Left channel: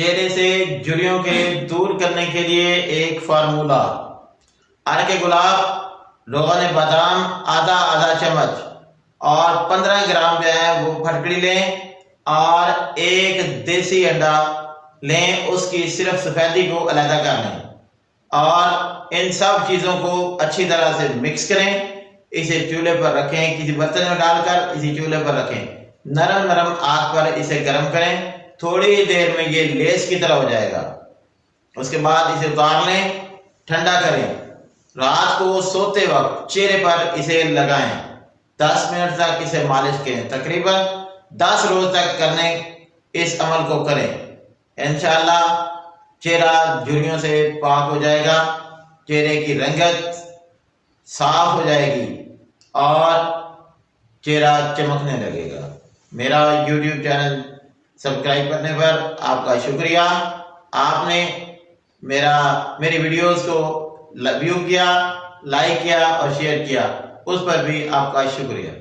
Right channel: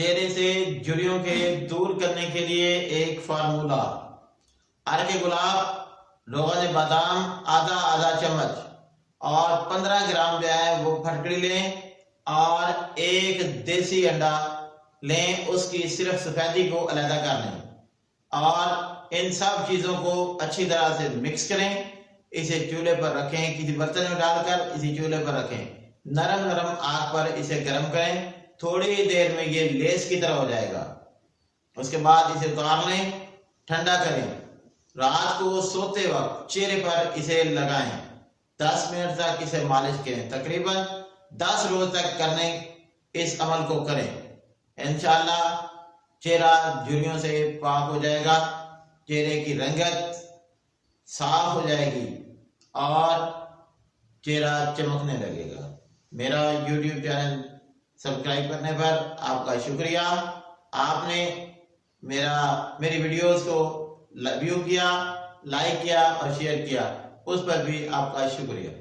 चेहरे से झुर्रियों के दूर करने के लिए एक फार्मूला। अर्क गुलाब, रोगन बादाम आधा आधा चम्मच और 15 ग्राम जो है वो फटकड़ी लें और एक देसी अंडा लें, उसकी सिर्फ सफेदी को अलग कर लें और इन सब चीजों को अच्छी तरह से मिक्स करें। इसे चूल्हे पर रखें, किसी बर्तन में डालकर इसे चूल्हे पर रखें। नरम नरम आग पर इसे गर्म करें। थोड़ी देर में ये लेस की तरह हो जाएगा। उसके बाद इसे उतार लें, ठंडा करें। रात को सोते वक्त चेहरे पर इसे लगाएं। 10 मिनट तक इसे मालिश करें। तकरीबन 10 रोज तक करने इस अमल को करें। इंशाअल्लाह चेहरा झुर्रियों से पाक हो जाएगा, चेहरे की रंगत साफ हो जाएगी और चेहरा चमकने लगेगा। मेरा YouTube चैनल सब्सक्राइब करने पर आपका शुक्रिया। आपने मेरी वीडियोस को व्यू किया, लाइक किया और शेयर किया, उस पर भी आपका शुक्रिया।